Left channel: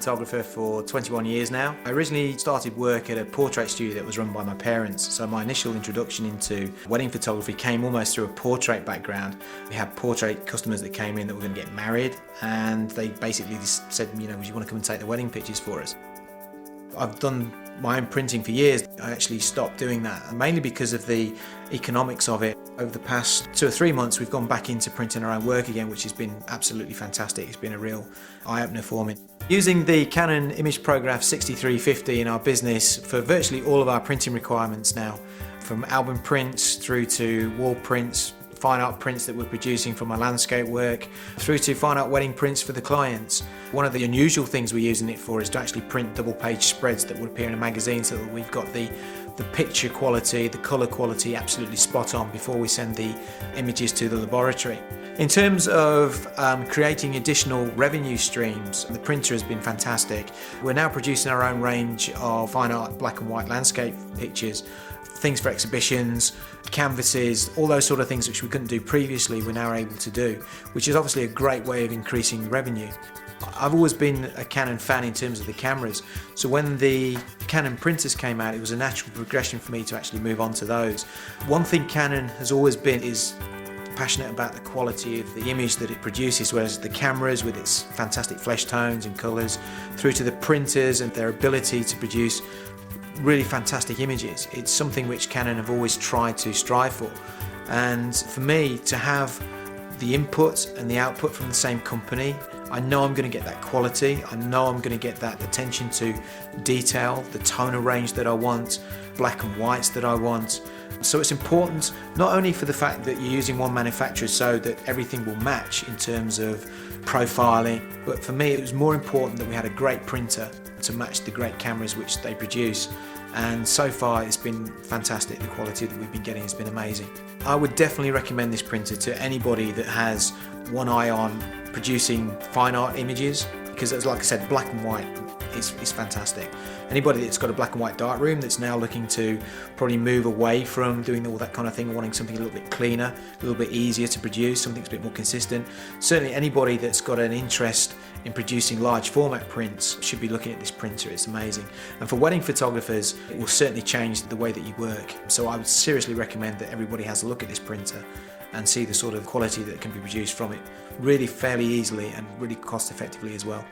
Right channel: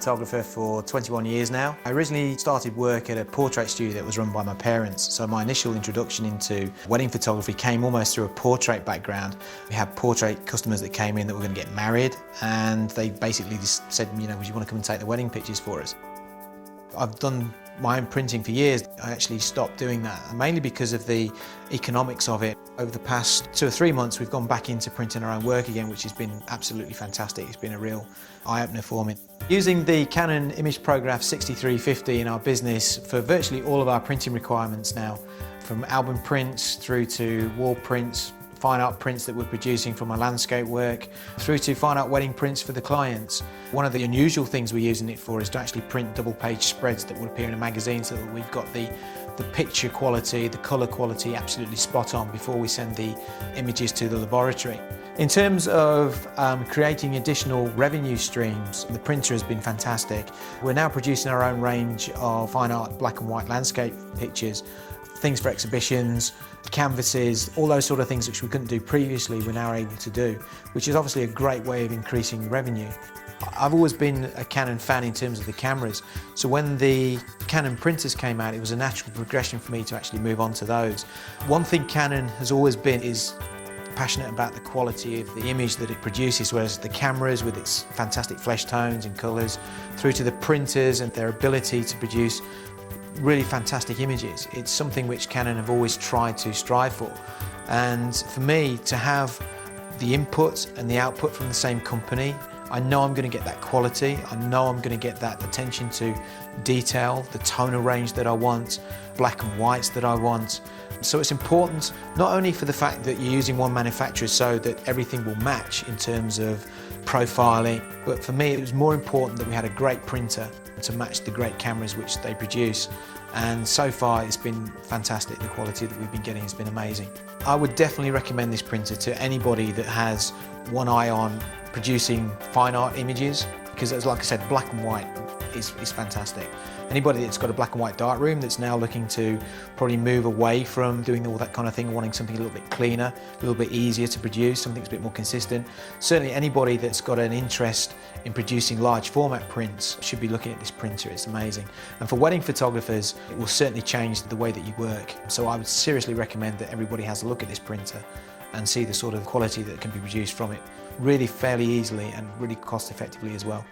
photographer for 21 years now. I originally started work at a portrait studio that was run by my parents, so my initial introduction into wedding photography came almost through a portrait background. We had portrait customers that came in that were going to get married, and they basically just said, would you want to come and take the wedding pictures for us? I've done my own printing for years. I actually stopped doing that, mainly because of the economics of it. Over the past 2 or 3 months, we've gone back into printing our own work again, which has been absolutely fantastic. It's been a real eye-opener for me. Using the Canon imagePROGRAF 6350 in our business for virtually all of our printing requirements now, from album prints through to wall prints, fine art prints that we're producing from our landscape work, through to fine art wedding prints for the clients. One of the unusual things we're using it for is to actually print double-page spreads that would appear in a magazine, so that we've got the picture quality, the colour quality absolutely spot on before we send the images to the laboratory. In terms of creating additional revenue streams, the printer has been fantastic. We're now producing our own range of fine art black and white landscape pictures, things for exhibitions, canvases, all those sort of things which we couldn't do previously we're now able to do, which is obviously a great way of increasing revenue. I've always been a Canon fan in terms of the cameras, so when the Canon printers came out, it was a natural progression for me to actually move on to those. One thing Canon has always been is passionate about the quality of the image that it produces, whereas the cameras with its fantastic flesh tones and colours, through to the printers and their ability to produce really fantastic images. It's something which Canon have always tried to strive for, and for me to have the input and the output from the same company, I know I'm going to get that quality, I know I'm going to get that attention to detail, the toner range that I want, black and whites that I want. So it's important not only for the fact that you're using one manufacturer so that everything will match in terms of profiling, but for me it was more important that we had a great printer to match the great cameras which they produce. And so far it's been fantastic. The quality that we've been getting has been amazing. I would definitely recommend this printer to anybody that has one eye on producing fine art images, because it's, like I said, black and white is fantastic. Anybody that's got a black and white darkroom that's now looking to probably move away from doing all that kind of thing, wanting something a little bit cleaner, a little bit easier to produce, something that's a bit more consistent. Certainly anybody that's got an interest in producing large format prints should be looking at this printer. It's amazing. And for wedding photographers, it will certainly change the way that you work. So I would seriously recommend that everybody has a look at this printer and see the sort of quality that can be produced from it really fairly easily and really cost effectively as well.